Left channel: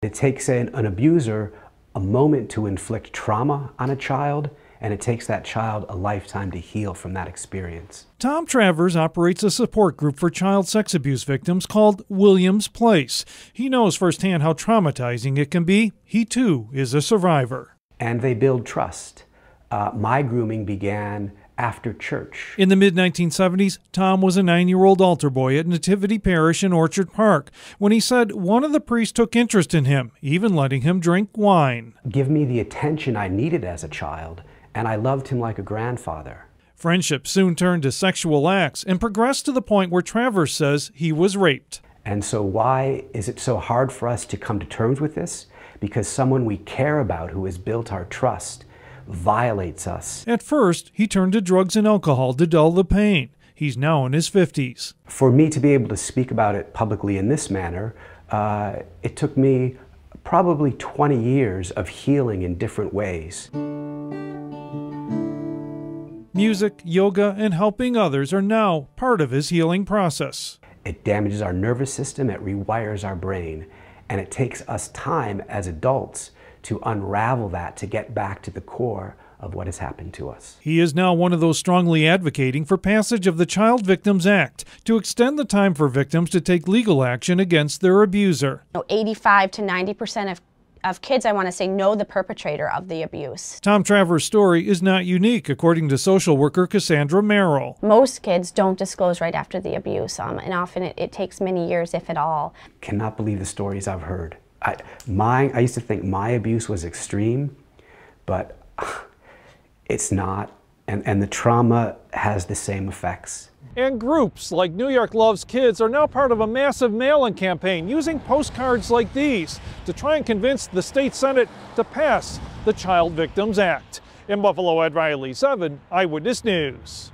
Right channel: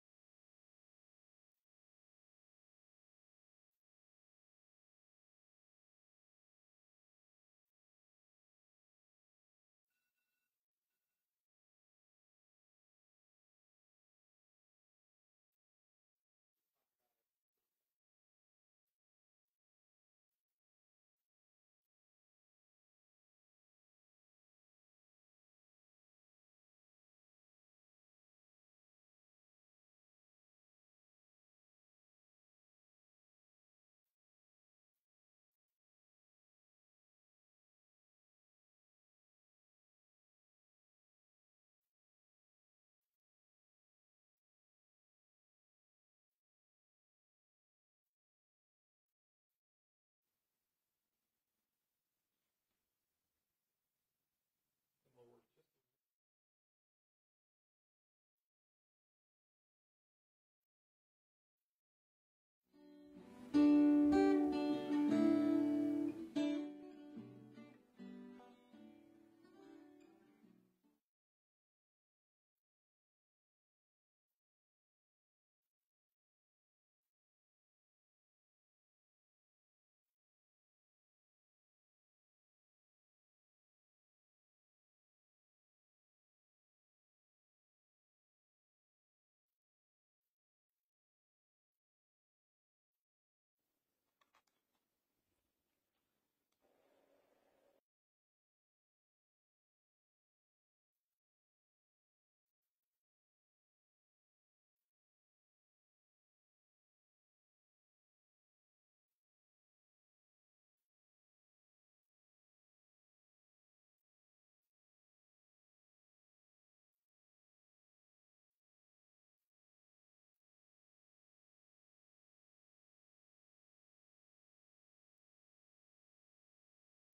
It takes an abuser a moment to inflict trauma on a child, and it takes that child a lifetime to heal from that experience. Tom Travers operates a support group for child sex abuse victims called Williams Place. He knows firsthand how traumatizing it can be. He too is a survivor. And they build trust. My grooming began after church. In the mid-1970s, Tom was a 9-year-old altar boy at Nativity Parish in Orchard Park when he said one of the priests took interest in him, even letting him drink wine. Give me the attention I needed as a child, and I loved him like a grandfather. Friendship soon turned to sexual acts and progressed to the point where Travers says he was raped. And so why is it so hard for us to come to terms with this? Because someone we care about who has built our trust violates us. At first, he turned to drugs and alcohol to dull the pain. He's now in his 50s. For me to be able to speak about it publicly in this manner, it took me probably 20 years of healing in different ways. Music, yoga, and helping others are now part of his healing process. It damages our nervous system, it rewires our brain, and it takes us time as adults to unravel that, to get back to the core of what has happened to us. He is now one of those strongly advocating for passage of the Child Victims Act to extend the time for victims to take legal action against their abuser. 85 to 90% of kids, I want to say, know the perpetrator of the abuse. Tom Travers' story is not unique, according to social worker Cassandra Merrill. Most kids don't disclose right after the abuse, and often it takes many years, if at all. Cannot believe the stories I've heard. I used to think my abuse was extreme, but it's not, and the trauma has the same effects. And groups like New York Loves Kids are now part of a massive mail-in campaign using postcards like these to try and convince the state Senate to pass the Child Victims Act. In Buffalo, Ed Riley, 7 Eyewitness News.